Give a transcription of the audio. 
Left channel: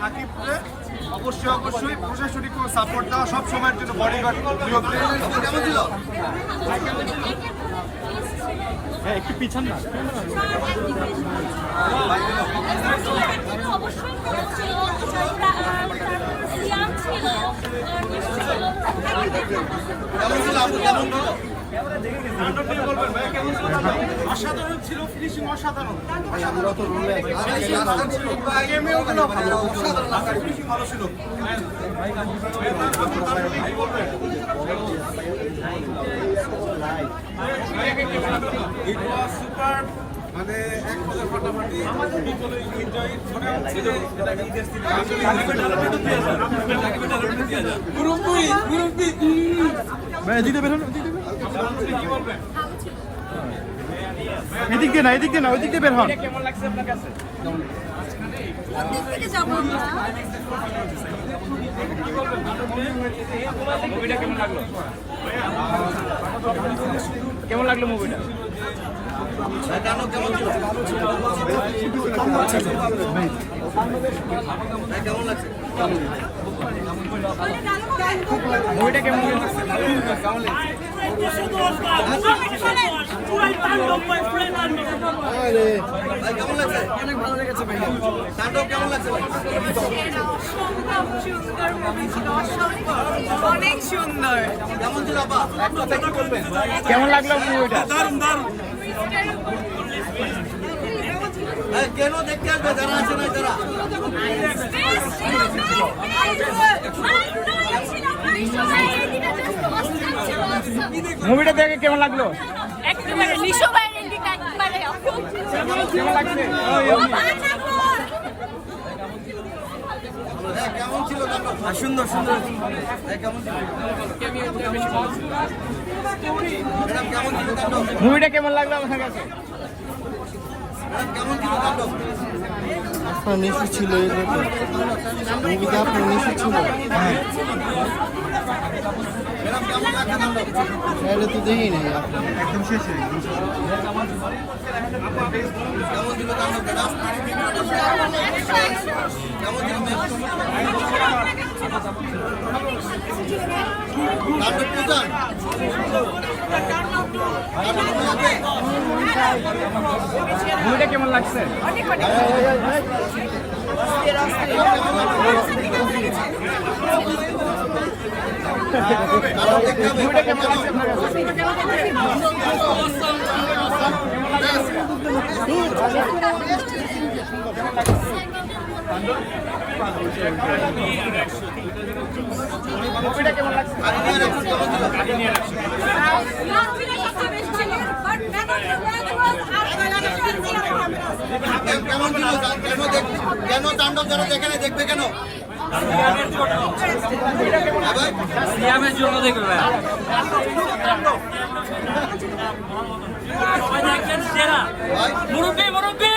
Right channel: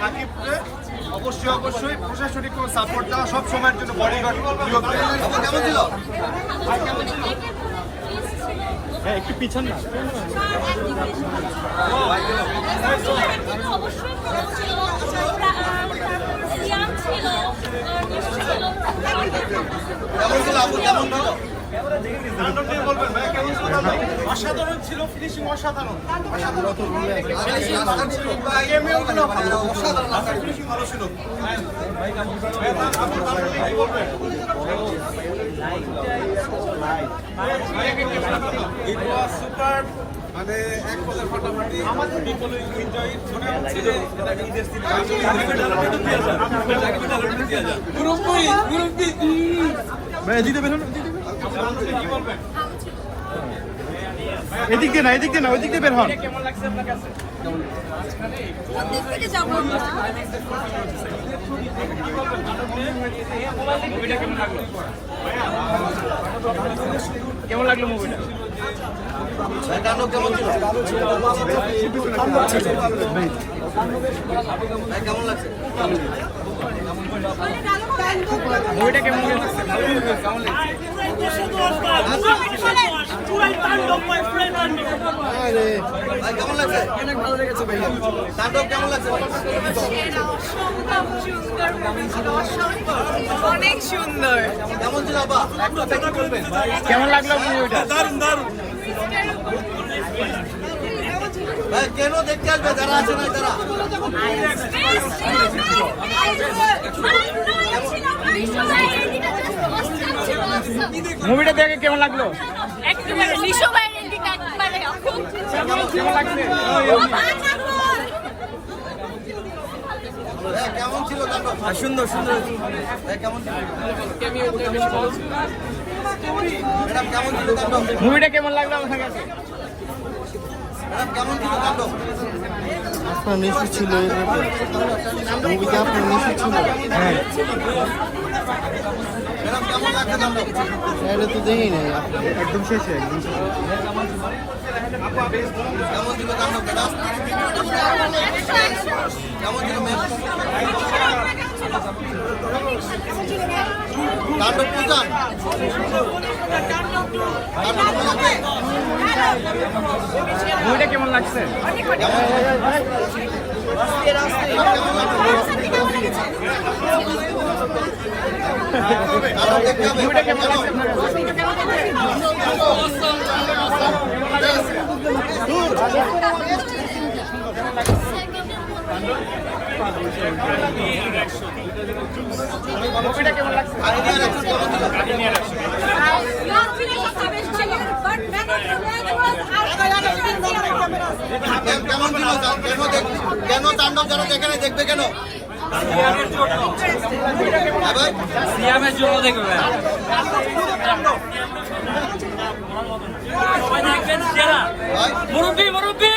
হাকিমকে অবশ্যই অবশ্যই প্রশাসনিক সাপোর্ট দেওয়া সব সময়ের জন্য বডিগার্ড নিয়োগ একটু পিছন না অবশ্যই ভালো ছিল সিয়াম ছিল ছিল তাণ্ডব নিয়ে বলবেন ভাই কেমন ছিল তাণ্ডব? অসাধারণ ছিল ফিনিশিং অসাধারণ ভালো ছিল কি বলবেন সুপার মানে এক ফাটাফাটি পিপল এনজয় মনে হচ্ছে যে এটা একটা ঈদের সিনেমা ভাই দিতে বেরোন এদিক দিয়ে না, এদিক দিয়ে না, ওইদিক দিয়ে বের হন। কোন দিক থেকে যাব আমরা পুরাই তাণ্ডব ভাই পুরাই তাণ্ডব অনেক সুন্দর কেমন লাগল মুভিটা দারুণ দারুণ কেন দেখতে আসবে যারা আছে না যারা মুভিটা দেখে কেমন লাগল একেবারে নিশো বাইরের দিকে একেবারে কেমন ছিল তাণ্ডব সুন্দর সুন্দর কেমন ছিল ম্যাডাম কেমন ছিল তাণ্ডব মুভিটা কেমন লাগল? আমার কাছে আপনার মেসেজ ছিল মুভিতে আপনার মেসেজ ছিল। হ্যাঁ ম্যাডাম কেমন লাগছে তাণ্ডব তাহলে তো দেখি না একদম শেষে কেমন লাগছে দেখবে কেন দেখবে কেন সিয়ামের জন্য দেখবে। মুরব্বী মুরব্বী!